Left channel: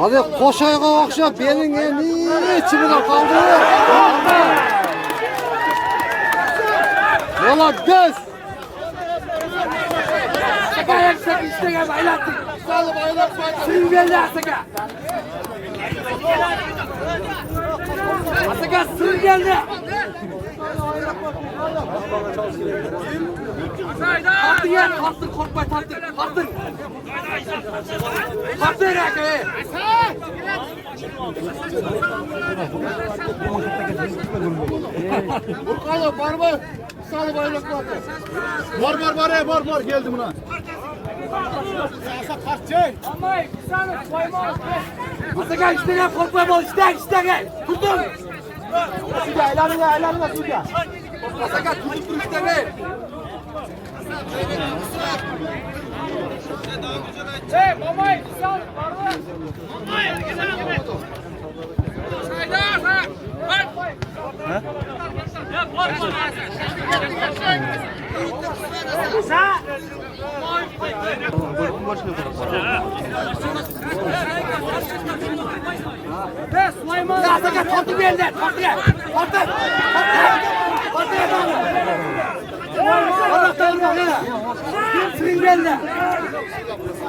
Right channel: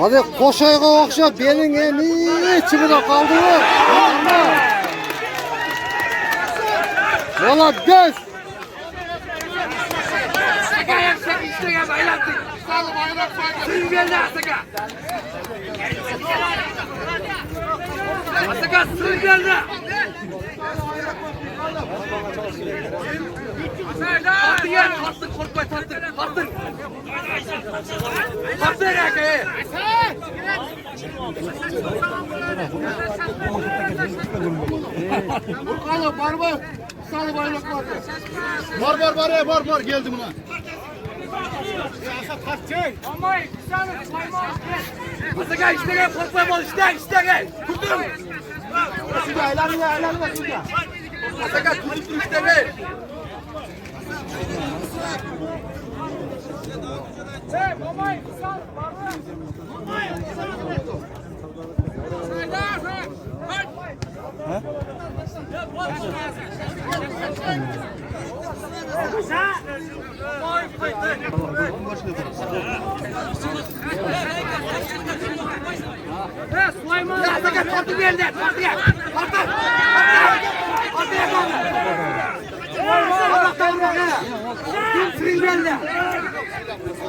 Hadi koşayga okşa belin eni içimine kaldı. Valla göz. Ayak çek istegen aylattık. Sağlık aylat fayda. Sürün geldi Asaka. Asaka sürün geldi. Attın ya. Attın korkma tattın. Attın. Attın ya. Burkala barbar. Sağlık aylat fayda. Var geldi buna. Asaka istegen korkma bol istegen. Tutun. Suca aylanma suca. Asaka tutun istegen. Mamay sal.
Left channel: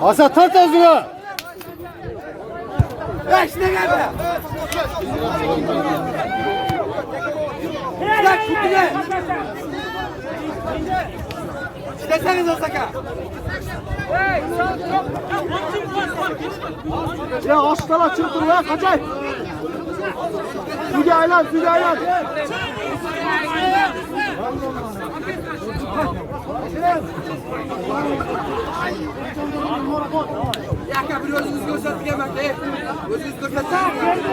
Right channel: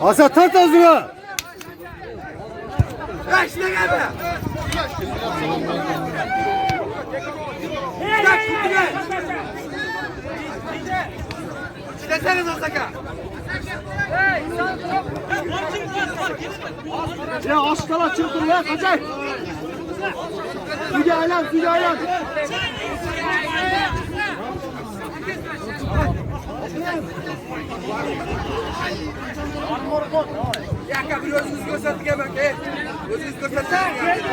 Asa tut ağzına. İşte geldi. Bak tuttu be. Deseniz Asaka. Ya aşkala çırpın lan kaçay. Suca aylan. Ya bir özünüz gösterdik hemen be. Özünüz gösterdik.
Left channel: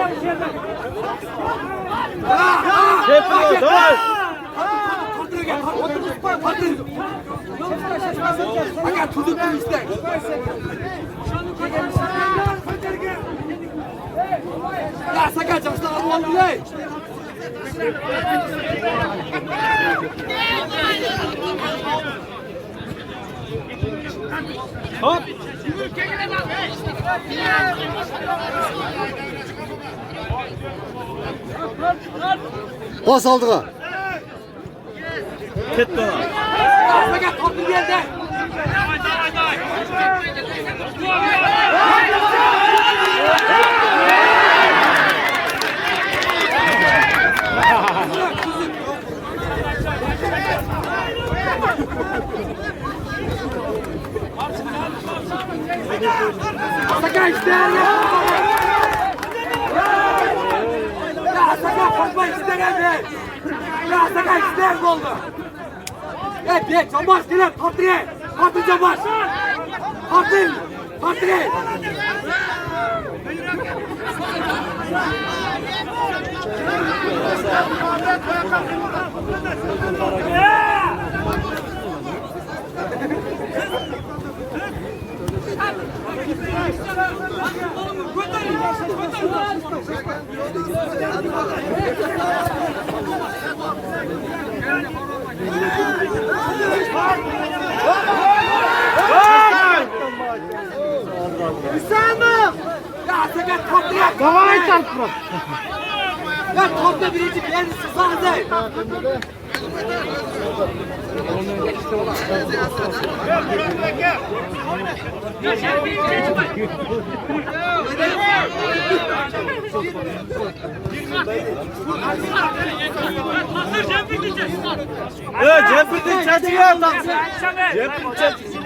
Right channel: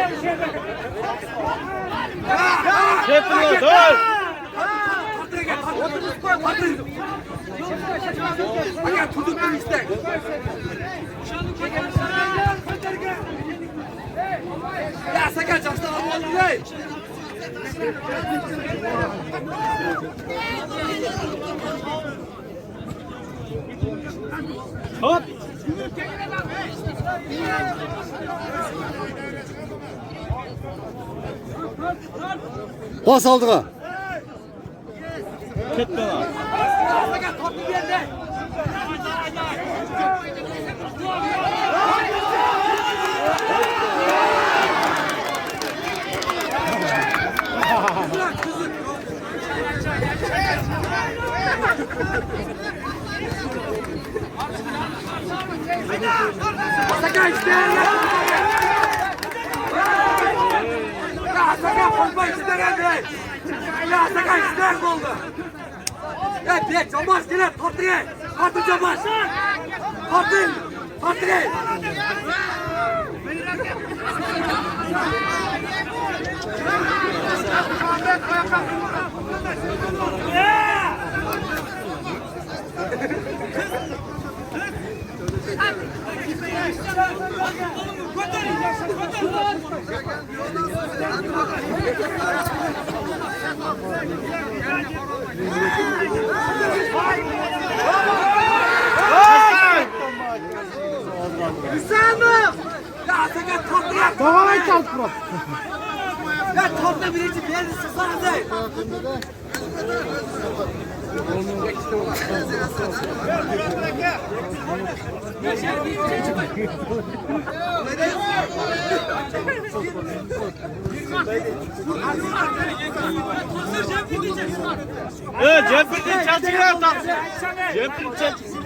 Çırpın dur. Gel tutuktun işte. Ya sakın çıksana Allah'ım ne? Hop. Bas aldığa. Ket dola. Sakın toplu bir yerde. Sakın işte ya. Sakın korkma istemedi. Ya sakın istemedi oldu. Evet, çamaş diler, kontrol. Kontrol çamaş. Kontrol. Kavayı çarpma. Ya kontrol birinci geldi sıfanızı. Cepin çeçiyor adam. Cepin çeçiyor.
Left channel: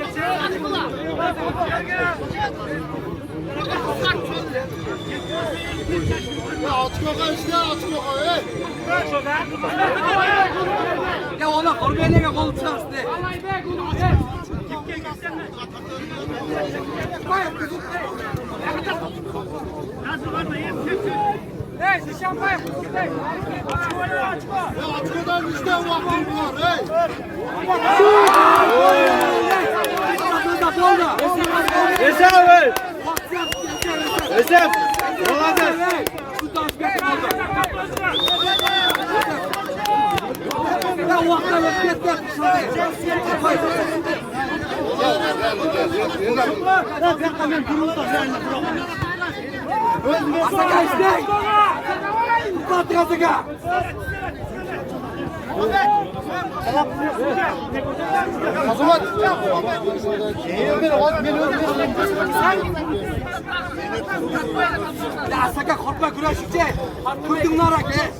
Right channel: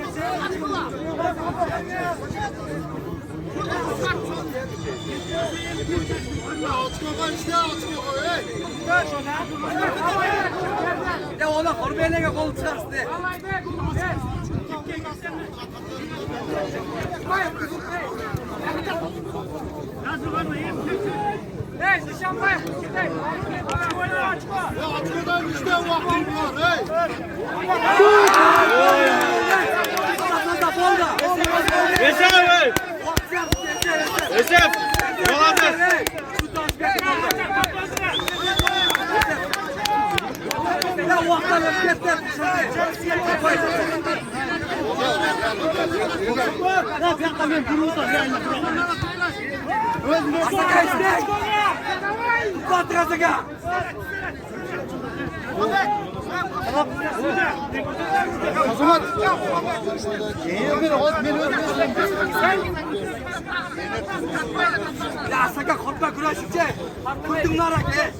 Ya ona korbeyle kol çıkarsın. Hey, şişan var. Yeter. Esef. Yolladı. Azamat. Ya saka korkma güreşikçe. Kurdun narak ye.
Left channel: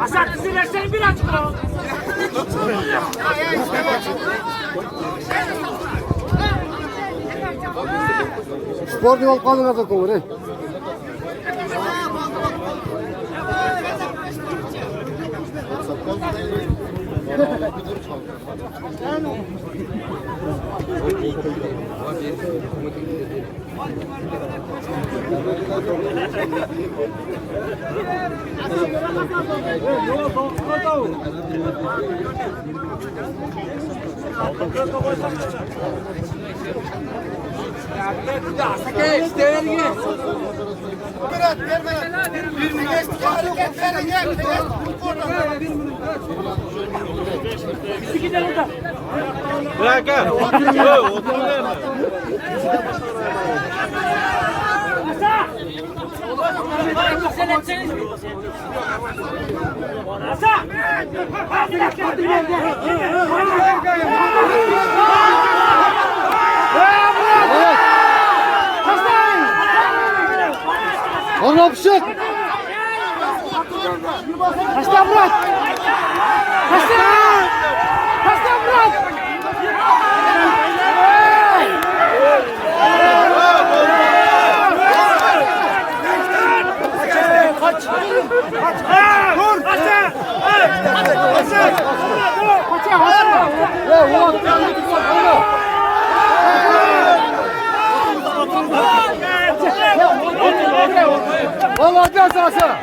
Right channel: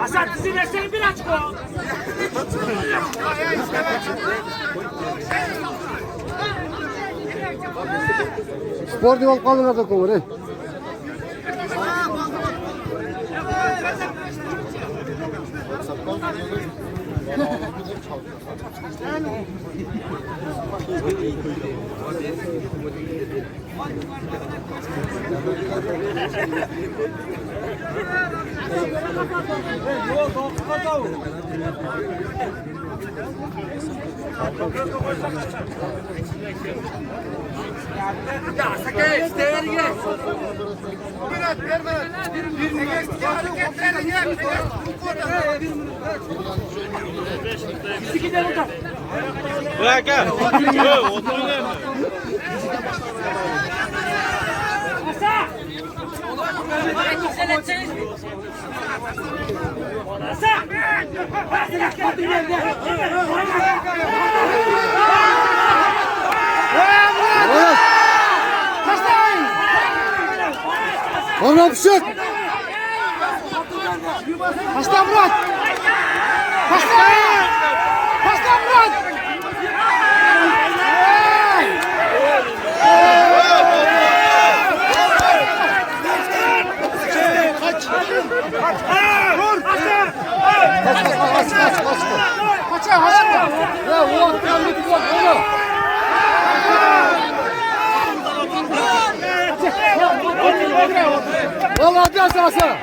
Asat dizilersen bir açık ol. Sporting ol kalın adı konuları. Ya saka işte Bizi gidelim oradan. Bırak ha. Oturun. Asa! Asa! Evet. Onu pişir. Kaçta Murat? Kaçta? Kaçta Murat? Vallahi biraz sonra.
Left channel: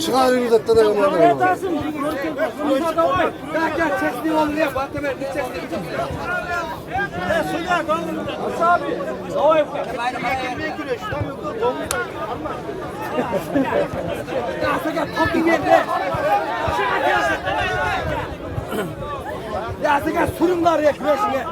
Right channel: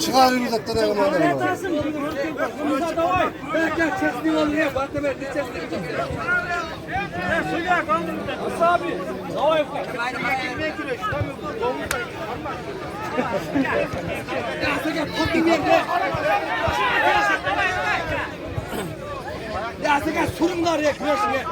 Çıkan yürü zaten adamlar. Gel çesni olmuyor. Bak hemen bir çesni. Ya saka kopun yerde. Ya saka sorunlar ya güreşine.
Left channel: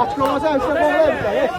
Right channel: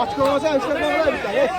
Açık olmasa işte kovlayın bir tane.